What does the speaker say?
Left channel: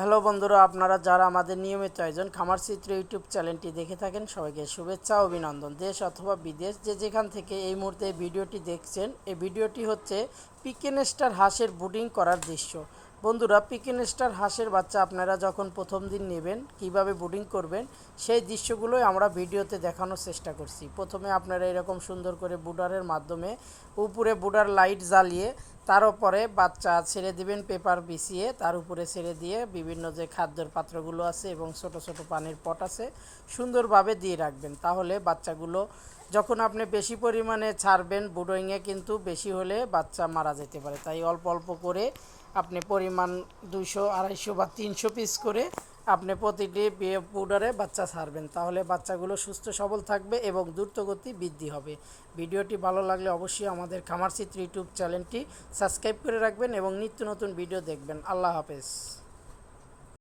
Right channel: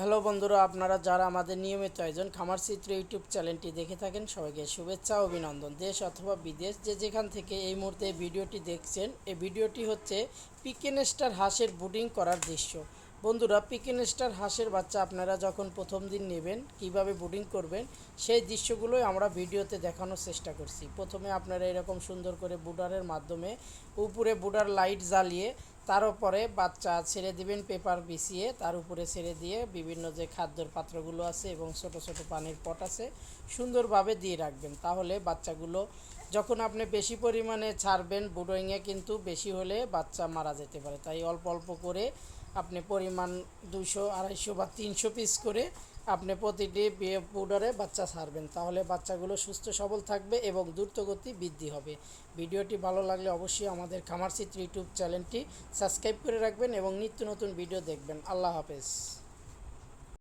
Hello বন্ধুরা, আপনারা যারা আমাদের নিয়মিত আয়োজন খামার চিত্র ইউটিউব চ্যানেলটি দেখে থাকেন সবাইকে শুভেচ্ছা ও অভিনন্দন। দেশ অথবা বিদেশ যে যেখান থেকে এই মুহূর্তে এই ভিডিওটি দেখছেন, এই ভিডিওটি হচ্ছে পিকেন স্টার হাঁসের ব্রুডিং করার দৃশ্য। বন্ধুরা, পিকেন স্টার হাঁসের বাচ্চা আপনারা যখন প্রথম দিন নেবেন কিভাবে ব্রুডিং করবেন সেই দৃশ্যগুলোই আমরা ভিডিওতে দেখানোর চেষ্টা করছি। প্রথমে আপনারা এরকম সুন্দর করে বুডারের মাধ্যমে উপরে বুডার লাইট জ্বালিয়ে তার উপরে বাচ্চা ছেড়ে দিবেন, পেপার বিছিয়ে তার উপরে ছেড়ে দিয়ে বিভিন্ন যে খাদ্যের পাত্রগুলো আছে এবং ছোট ছোট পানির পট আছে সুন্দরভাবে দিয়ে রাখবেন। তাহলে বাচ্চাগুলো যখন আপনি বেশি পরিমাণে ছাড়বেন ব্রুডিংয়ে কিন্তু বেশি হলে বাচ্চা মারা যেতে পারে। তাই অল্প অল্প করে আপনি পরিমাণ 200, 250 বা 300 পিস করে আপনি প্রতিটি পাউডারে বাচ্চা ছাড়বেন। তাহলে বাচ্চাগুলো সুস্থ সবল থাকবে এবং দ্রুতগতি বৃদ্ধি হবে। ভিডিওটি ভালো লাগলে অবশ্যই আমাদের খামার চিত্র ইউটিউব চ্যানেলটি সাবস্ক্রাইব করে রাখবেন এবং নিত্য নতুন ভিডিও দেখবেন। আল্লাহ হাফেজ।